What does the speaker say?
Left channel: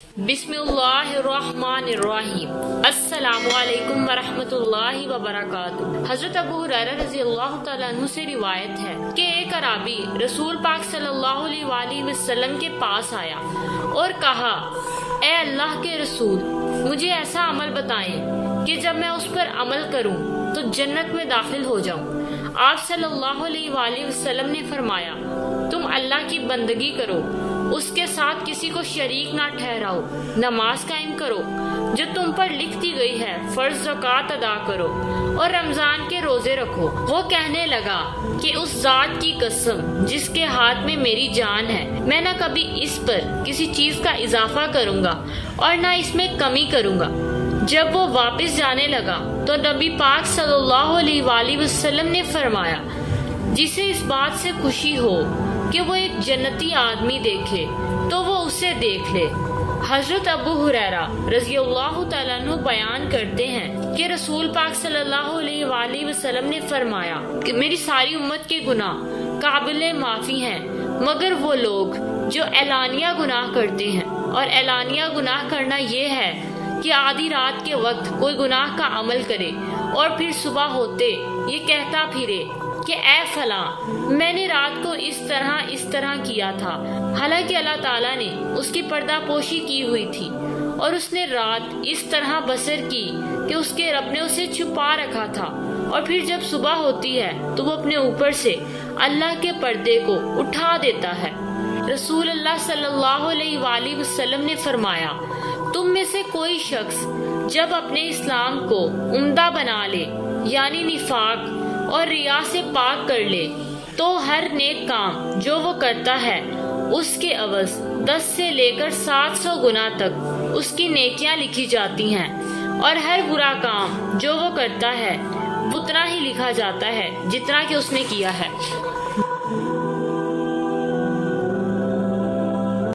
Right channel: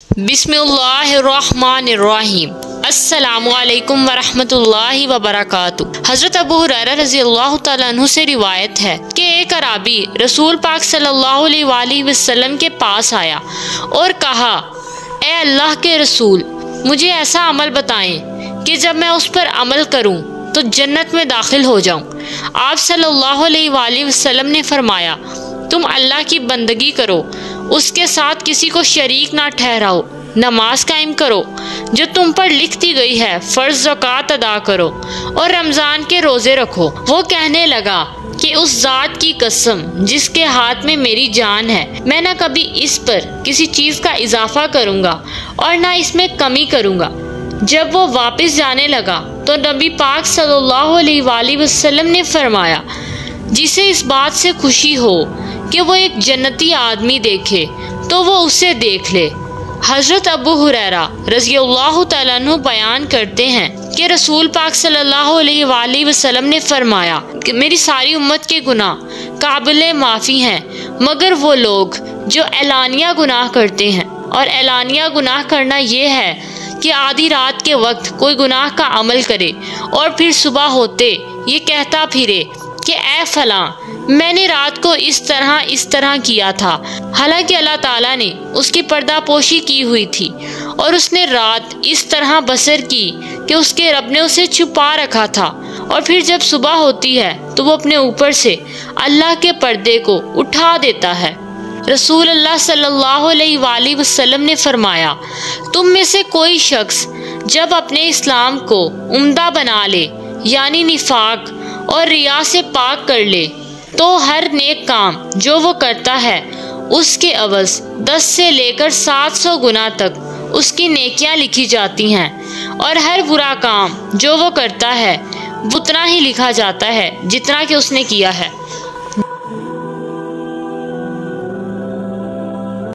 बिस्मिल्लाहिर्रहमानिर्रहीम। अस्सलामुअलैकुम वरहमतुल्लाहि वबरकातुहू। हज़रत अबू हुरैरा रज़ियल्लाहु तआला अन्हु से रिवायत है कि एक अराबी रसूल पाक सल्लल्लाहु अलैहि वसल्लम के पास आया और कहा, ए अल्लाह के रसूल, मुझे ऐसा अमल बताएं कि जब मैं उस पर अमल करूं तो जन्नत में दाखिल हो जाऊं। आप सल्लल्लाहु अलैहि वसल्लम ने फरमाया, तुम अल्लाह की बंदगी करो, उसके साथ किसी को शरीक ना ठहराओ, नमाज कायम करो जो तुम पर लिख दी गई है, फ़र्ज ज़कात अदा करो और रमज़ान के रोज़े रखो। वो कहने लगा कि उस ज़ात की कसम जिसके हाथ में मेरी जान है, मैं न कभी इस पर किसी चीज़ का इजाफा करूँगा और न इसमें कमी करूँगा। जब वो वापस जाने लगा तो नबी पाक सल्लल्लाहु अलैहि वसल्लम ने फरमाया, जिसे इस बात से खुशी हो कि वो एक जन्नती आदमी देखे तो वो उसे देख ले। हज़रत अबू हुरैरा रज़ियल्लाहु तआला अन्हु बयान करते हैं कि रसूल पाक सल्लल्लाहु अलैहि वसल्लम ने फरमाया कि मेरी सारी उम्मत के गुनाह काबिले माफ़ी हैं, मगर वो लोग जो एलानिया गुनाह करते हैं। और एलानिया गुनाह करना ये है कि आधी रात के वक्त कोई गुनाह का अमल करे और फिर सुबह होते ये कहता फिरे कि ए फलां, मैंने रात को इस तरह किया था, हालांकि अल्लाह ताला ने उसकी पर्दापोशी की हुई थी और उसने रात इस तरह बसर की कि उसके रब ने उसे छुपा रखा था। और फिर जब सुबह होती है तो वो अपने ऊपर से अल्लाह के पर्दे को उठा देता है। रसूल अल्लाह सल्लल्लाहु अलैहि वसल्लम ने फरमाया, तुम में से कोई शख्स जब अपने इस्लाम को उम्दा बना ले, यानी निफाक और रिया से पाक कर ले, तो हर नेक काम जो वो करता है उसके अवज़ 10 से लेकर 700 गुना तक उसकी नेकियां लिखी जाती हैं और हर बुरा काम जो वो करता है उतना ही लिखा जाता है जितना कि उसने किया है।